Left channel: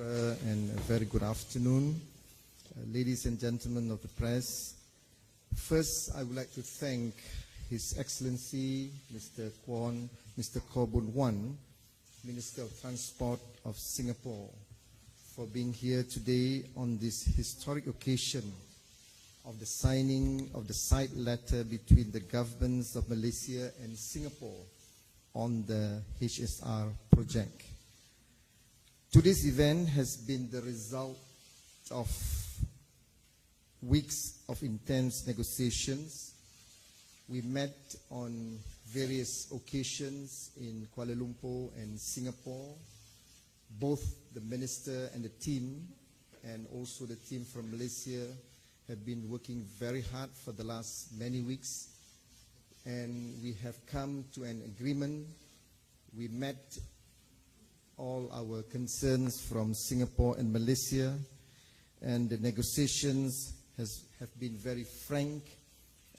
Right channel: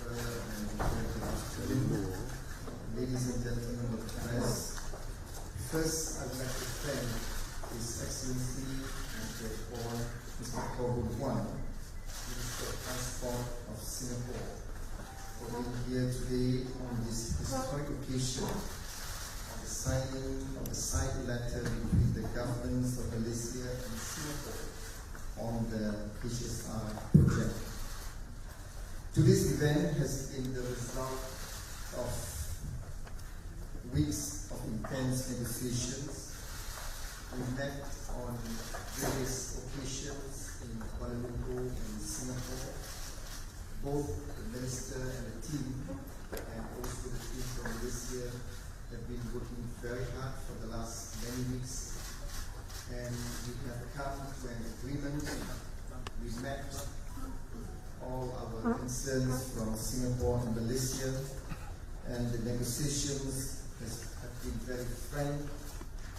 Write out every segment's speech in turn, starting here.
and a very good afternoon, ladies and gentlemen of the press. First, I would like to thank His Excellency Mr. Koh Boon Wan, Minister of Transport of Singapore, for being here today on this historic occasion of the signing of the side letter between the governments of Malaysia and Singapore on the HSR project. Today's event has been the result of weeks of intense negotiations. We met on various occasions in Kuala Lumpur and Singapore. Both the minister and the team, and also the team from Malaysia, have been working very hard for the last many weeks, and we have come to an agreement. We met all our concerns from Singapore and Malaysia, and the negotiations have been very frank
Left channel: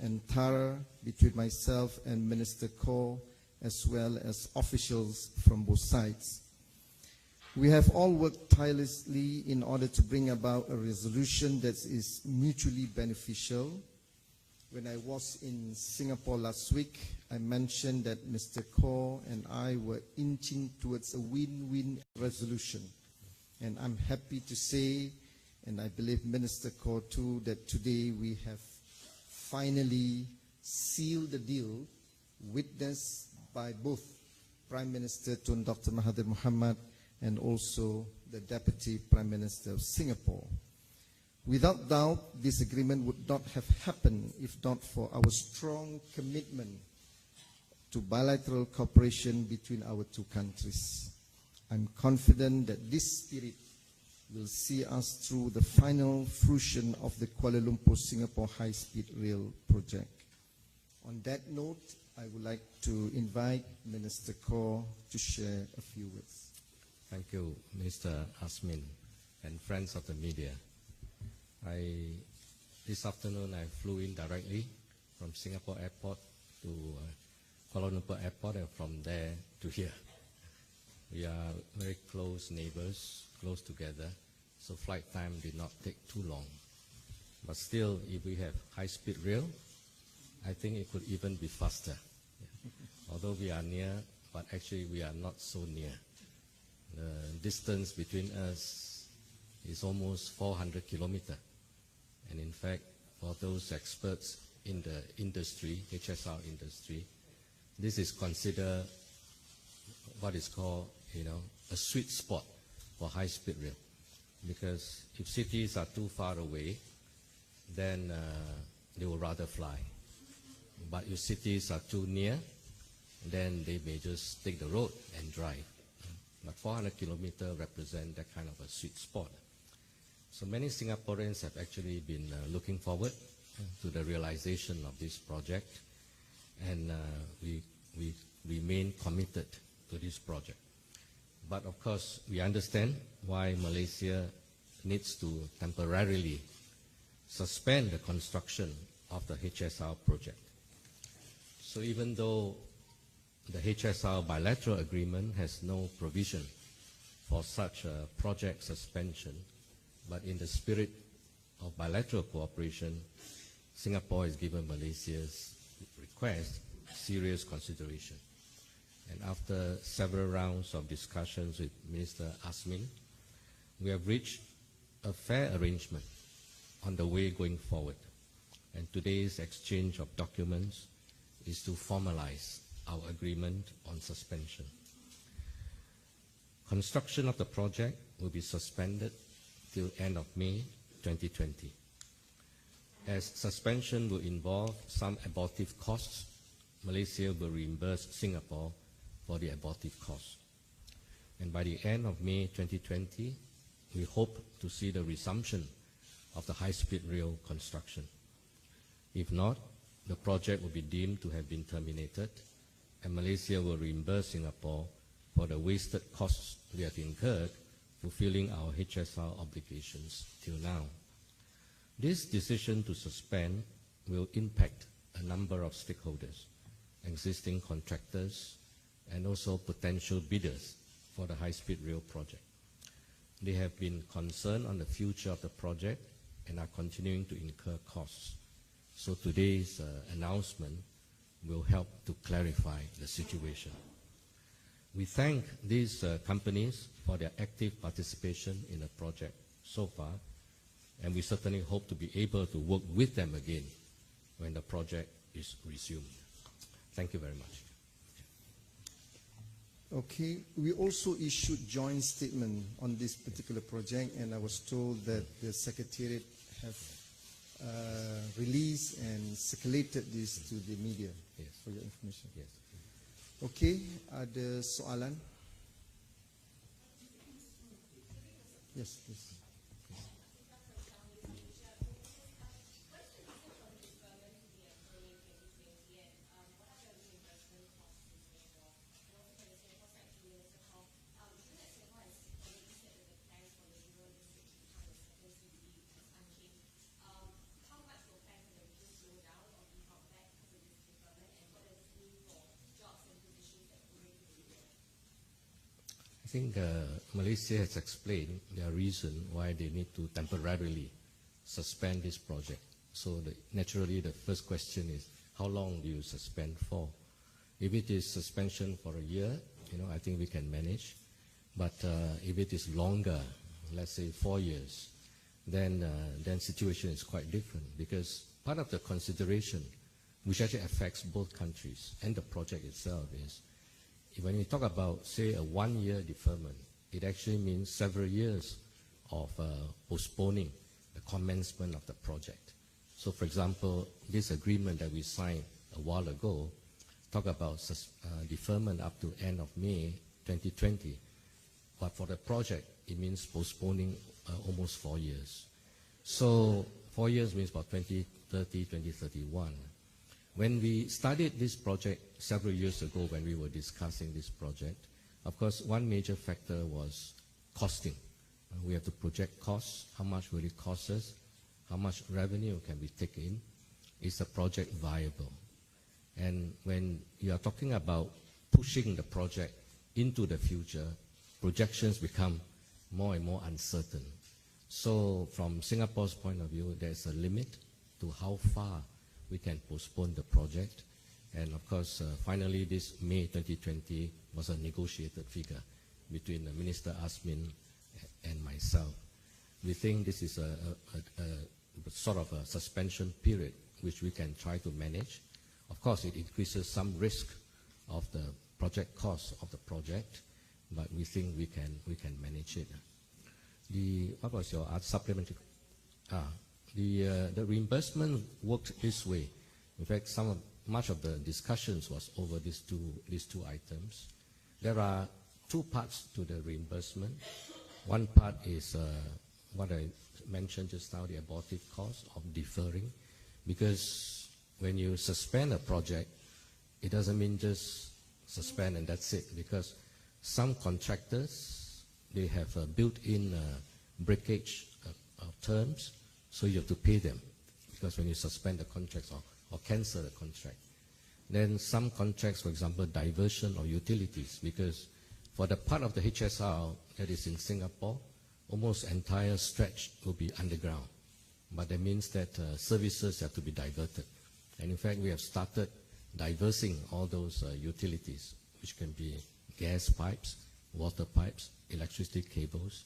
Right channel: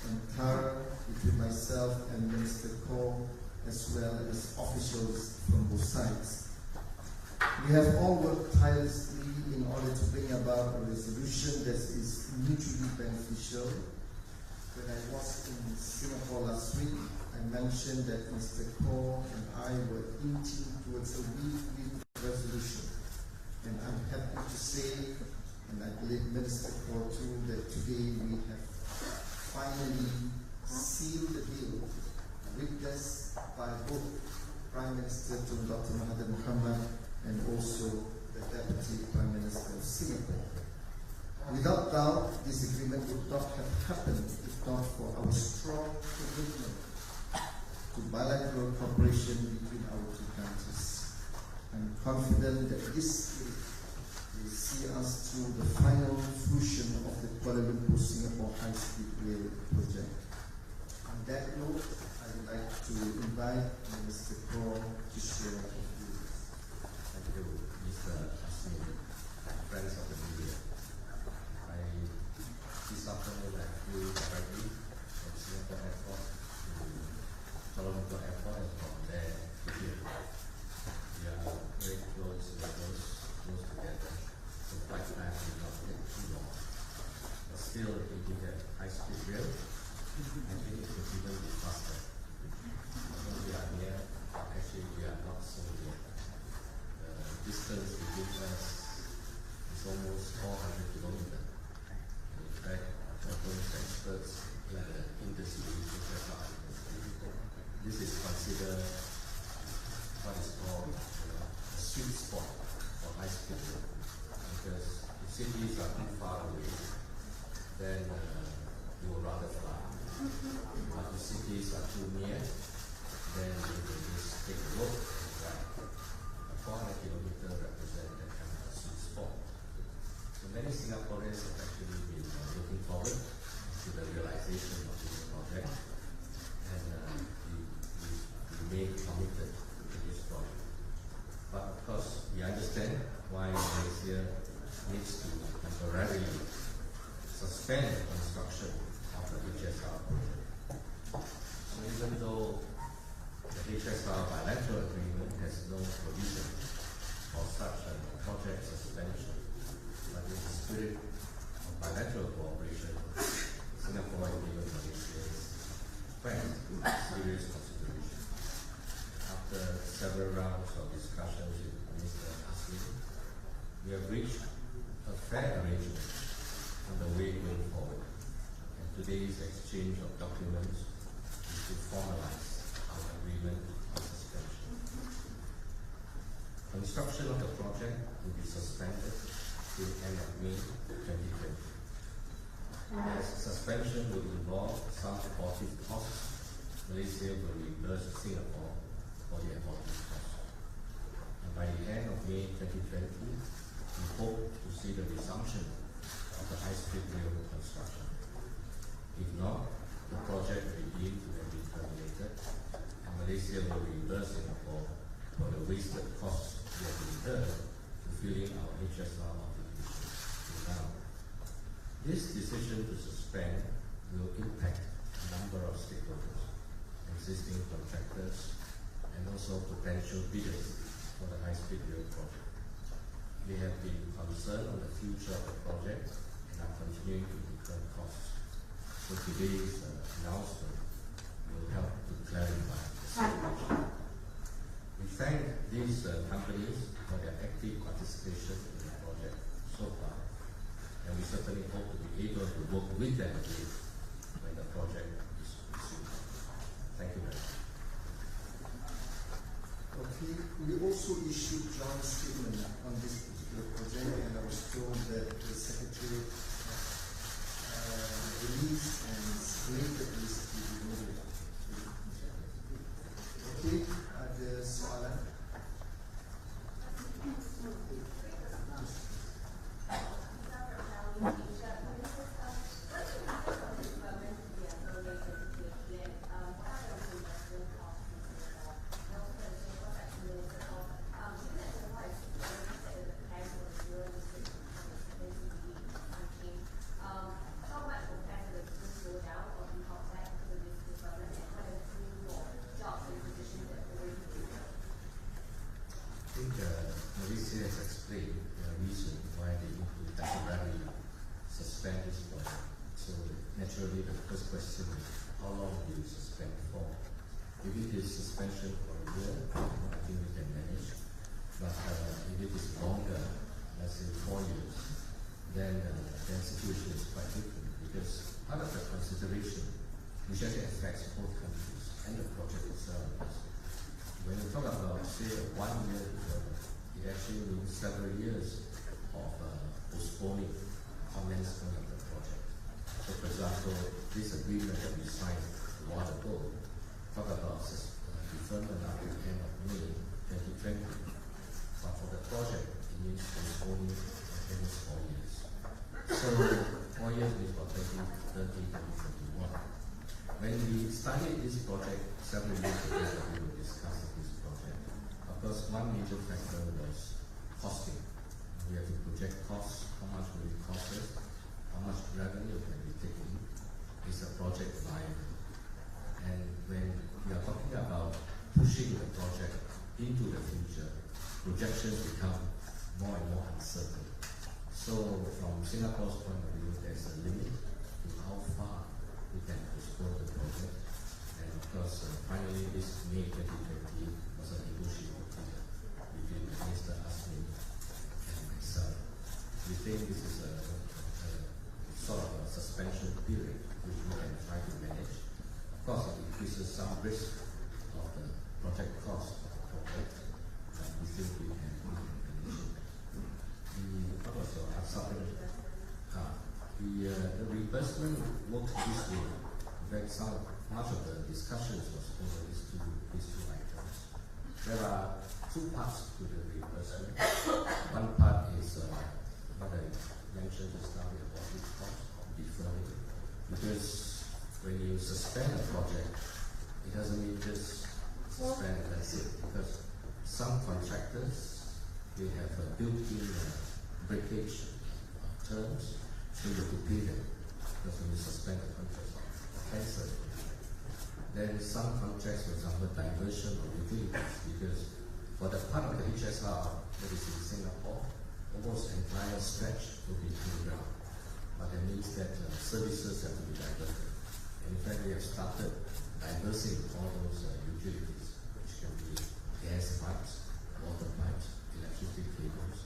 and thorough between myself and Minister Koh, as well as officials from both sides. We have all worked tirelessly in order to bring about a resolution that is mutually beneficial. When I was in Singapore last week, I mentioned that Mr. Koh and I were inching towards a win-win resolution. And I'm happy to say, and I believe Minister Koh too, that today we have finally sealed the deal, witnessed by both Prime Minister Tun Dr. Mahathir Mohamad and also the Deputy Prime Minister of Singapore. Without doubt, this agreement would not have happened if not for our strong commitment to bilateral cooperation between our two countries. I'm confident that this spirit will see us through the final fruition of the Kuala Lumpur-Singapore high-speed rail project. On that note, I would like to invite Minister Koh to share a few words. Thank you, Mr. Azmin and friends of the media. This afternoon I flew in directly from Singapore Airport to Kuala Lumpur Airport, and from there to here. We are very close neighbors, close together, so flight time did not take too long. But still, if we have high-speed rail, I think it would even be faster. Although we are near, but actually we are not so near. The distance between us is almost 400 kilometers. And in fact, for those experts in the industry, HSR industry, this is considered what is called, a sweet spot for high-speed rail. Because if cities are too far away, then they will rather fly. But if cities are too near, then they will just take the road and drive. But 400 kilometers represent that kind of a sweet spot. So many Singaporeans have actually been looking forward to the realization of this project, and we remain committed to this project. But of course, we understand why Malaysia needs to temporarily suspend the construction of the HSR project. So even though the HSR bilateral agreement has no provision for such a project suspension, but in the spirit of bilateral cooperation, Singapore has given Malaysia's request serious consideration. And after several rounds of discussions with Minister Azmin, we have reached a fair arrangement on the way going forward. And today's exchange of documents is to formalize our agreement on suspension. Construction of the project will be suspended till end of May 2020. As suspension will involve some abortive costs, Malaysia will reimburse Singapore for the abortive costs. And by the end of May 2020, we hope to see the resumption of the high-speed rail construction. If not, the project will be deemed to have been terminated, and Malaysia will reimburse Singapore for the wasted costs we have incurred fulfilling our HSR obligations till now. This decision to suspend will impact a number of stakeholders, existing contractors, and also potential bidders for the high-speed rail project. They have been concerned on the future of the project and are continuing to incur costs. So today's announcement will help to clarify the situation. We thank these companies for their active participation in the project so far, and we certainly hope to be able to work with them again when the project is resumed. Thank you very much. Okay, we also issued joint statement on this particular project, and I was told that the Secretariat has released and circulated this to the media. Okay, ada soalan? Yes, please. I think Malaysia has explained their reason why they need to temporarily suspend this project. So naturally the first question is, how long do you suspend for? If it is suspension for a year, I think we can manage. But if it is longer, let's say 4 years, then situation is quite different, because part of the consideration, which actually affects both countries and the project itself, is when we talk about, say, a 1-year deferment, it actually means several years of postponing the commencement of the project. So, for example, this agreement that we signed a while ago talk about deferment up to end of May 2020. But for the project, it means postponing almost 4 years. So 4 years means about 2030, 2031. When we started this project several years ago, when we were discussing this project, of course, one major factor was costing. We have to project costs, how much will it cost us, how much revenue can we take in, is the project viable? And when we are talking about pushing the project into the future, projections become more and more uncertain. So from Singapore's point of view, there's a limit to how far we can postpone the project. And of course, finally this May 2020 was a negotiated figure between Minister Azmin and myself. We think this is a sort of a suspension period which we can try to manage. Of course, it increases some risk of the project cost of the project, but we think we can manage it. What was your supplementary? The reimbursement worked this way. In fact, much of the discussions was over these two items. There are two parts to the reimbursement. One part is what I mentioned just now, the abortive cost of deferring, because when you suspend a project, it doesn't mean just suspend and that's it, because some contractors, they have built-in breakage terms, so you have to pay them, because when you suspend the contracts or cancel the contract. Then some contracts, for example, diversion of utilities, because for the part of the HSR that is in Singapore, almost entire stretch will be underground. But that means that services have to be diverted. And in fact, we have started diversing all those utilities, which can be gas pipes, water pipes, electricity cables.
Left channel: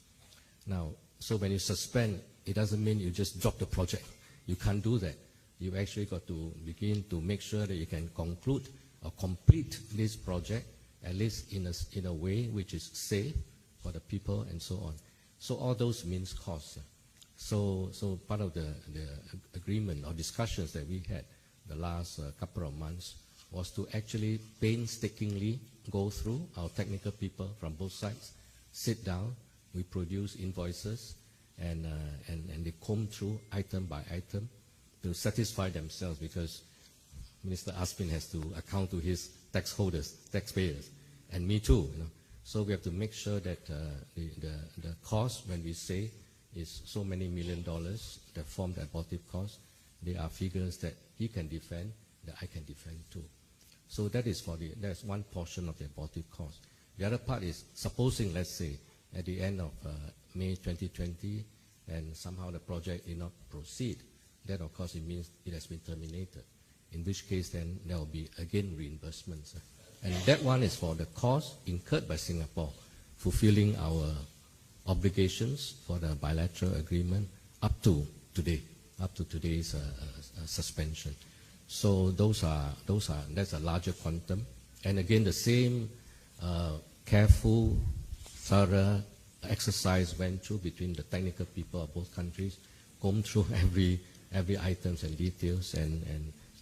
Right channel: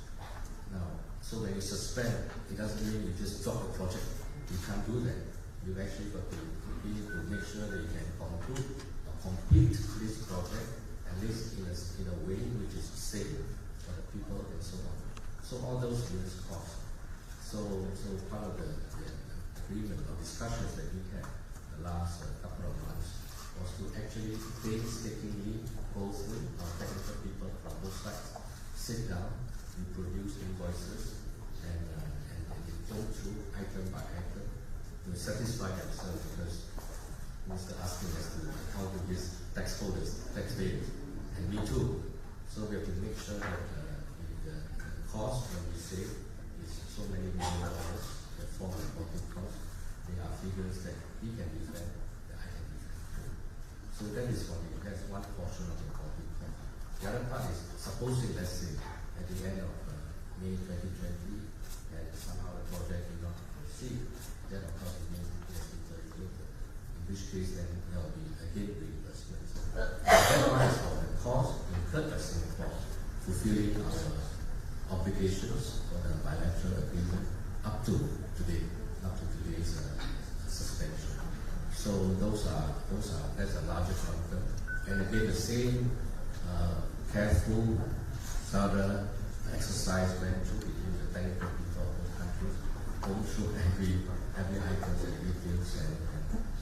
Now, so when you suspend, it doesn't mean you just drop the project. You can't do that. You actually got to begin to make sure that you can conclude or complete this project, at least in a way which is safe for the people and so on. So all those means cost. So part of the agreement or discussions that we had the last couple of months was to actually painstakingly go through, our technical people from both sides, sit down, we produce invoices, and they comb through item by item to satisfy themselves, because Mr. Azmin has to account to his taxpayers, and me too. So we have to make sure that the cost, when we say, is so many $1 million that form the abortive cost. They are figures that he can defend, that I can defend too. So that's one portion of the abortive cost. The other part is, supposing, let's say, at the end of May 2020 and somehow the project did not proceed, then of course it means it has been terminated. In which case then there will be again reimbursements. And that one is for the cost incurred by Singapore fulfilling our obligations for the bilateral agreement up to today, up to today's suspension. So that's a larger quantum. And again, the same careful, thorough exercise went through between the technical people of both countries, gone through every items and details, and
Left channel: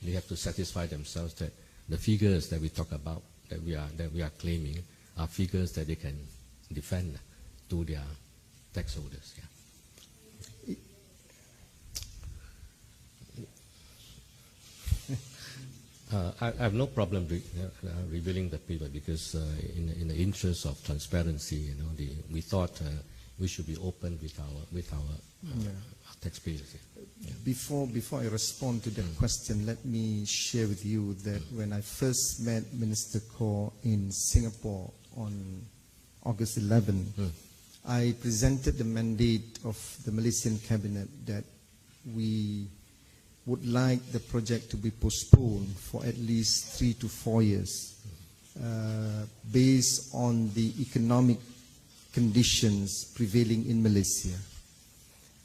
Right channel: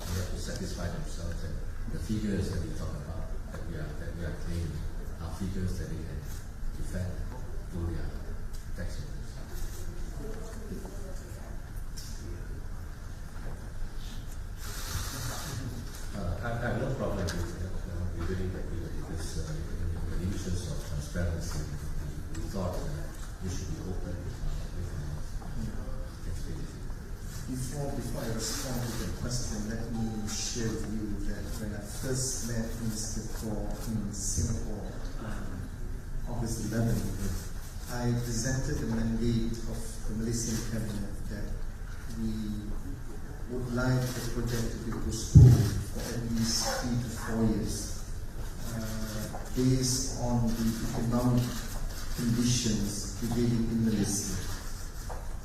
they have to satisfy themselves that the figures that we talk about, that we are claiming, are figures that they can defend to their tax holders. I have no problem with revealing the figure because in the interest of transparency, we thought we should be open with our taxpayers. Before I respond to that question, let me share with you that when I first met Minister Koh in Singapore on August 11, I presented the mandate of the Malaysian cabinet that we would like the project to be postponed for at least 3 to 4 years based on the economic conditions prevailing in Malaysia.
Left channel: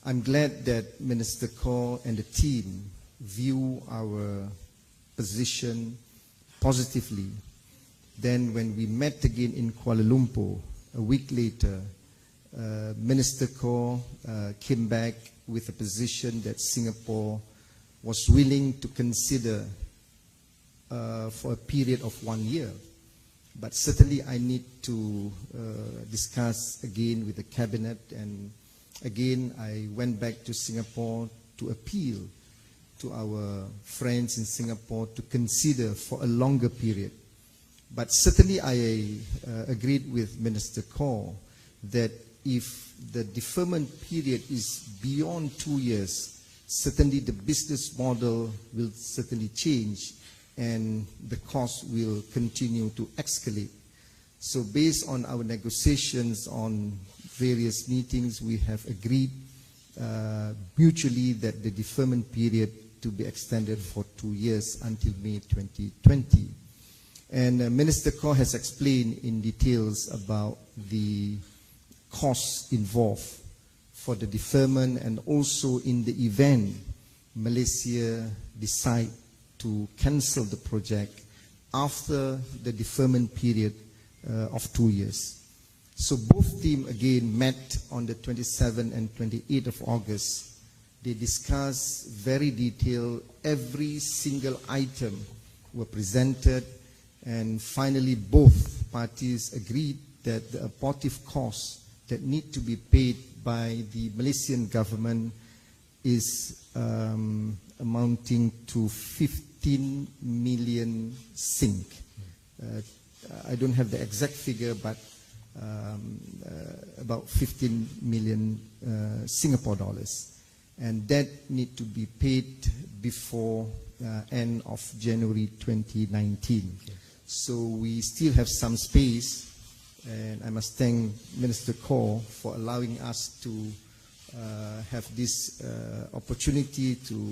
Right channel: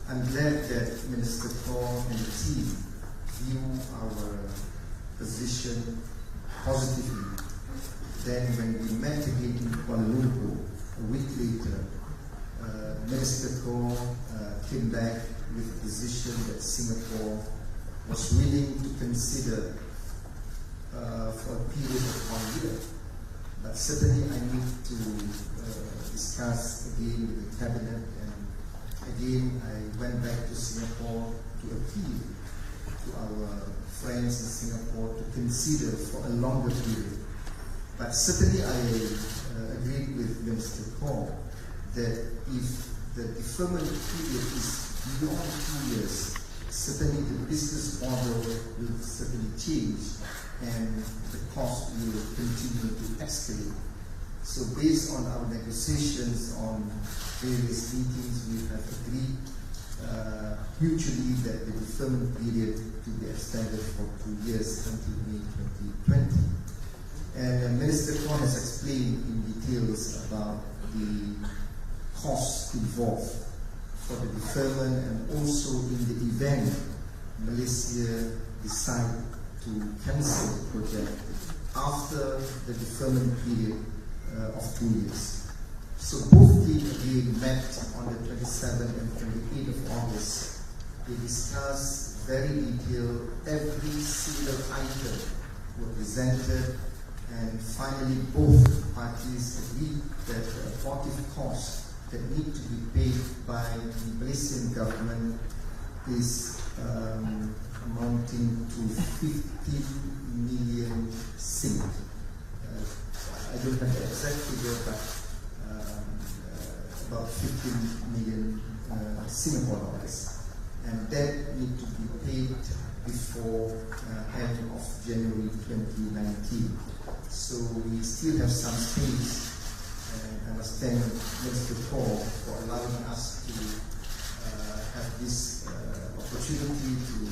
I'm glad that Minister Koh and the team view our position positively. Then when we met again in Kuala Lumpur, a week later, Minister Koh came back with a position that Singapore was willing to consider for a period of 1 year. But certainly I need to discuss again with the cabinet, and again I went back to Singapore to appeal to our friends in Singapore to consider for a longer period. But certainly I agreed with Minister Koh that if the deferment period is beyond 2 years, certainly the business model will certainly change and the cost will continue to escalate. So based on our negotiations on various meetings, we have agreed mutually that the deferment period to be extended for 2 years until May 2020. And Minister Koh has explained in details about the costs involved for the deferment, and also in the event Malaysia decide to cancel the project after the deferment period of 2 years. So both teams again met on the 27th and 28th of August. They discussed very detailed, every single item were presented, and finally both parties agreed that the abortive costs that need to be paid by the Malaysian government is amounting to 15 million Sing. I don't have the exact figure, but about 15 million Singapore dollars. And that need to be paid before end of January 2019. So we still have some space. And I must thank Minister Koh for allowing us to have this opportunity to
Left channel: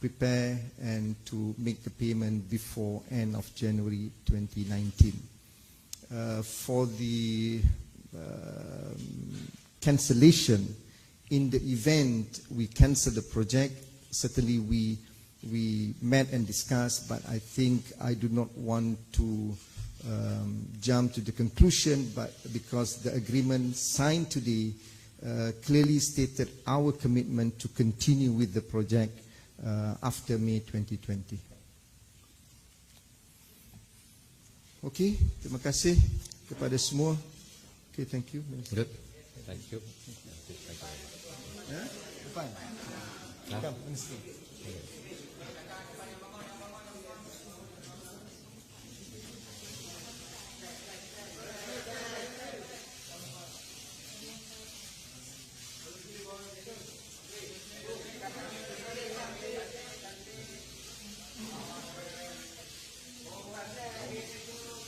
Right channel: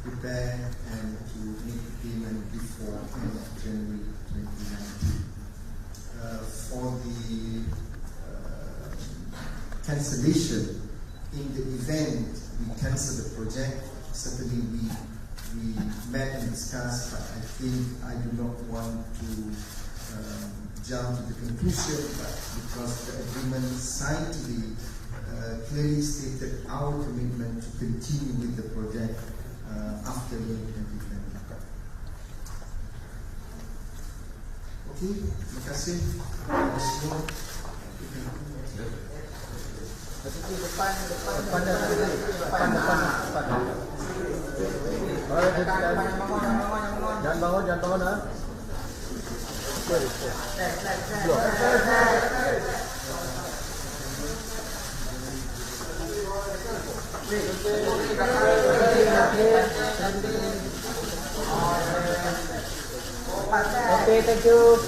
prepare and to make the payment before end of January 2019. For the cancellation, in the event we cancel the project, certainly we met and discussed, but I think I do not want to jump to the conclusion, but because the agreement signed today clearly stated our commitment to continue with the project after May 2020. Okay, terima kasih kepada semua. Okay, thank you. Good. Depan. Jangan bangun ha. Okay, thank you.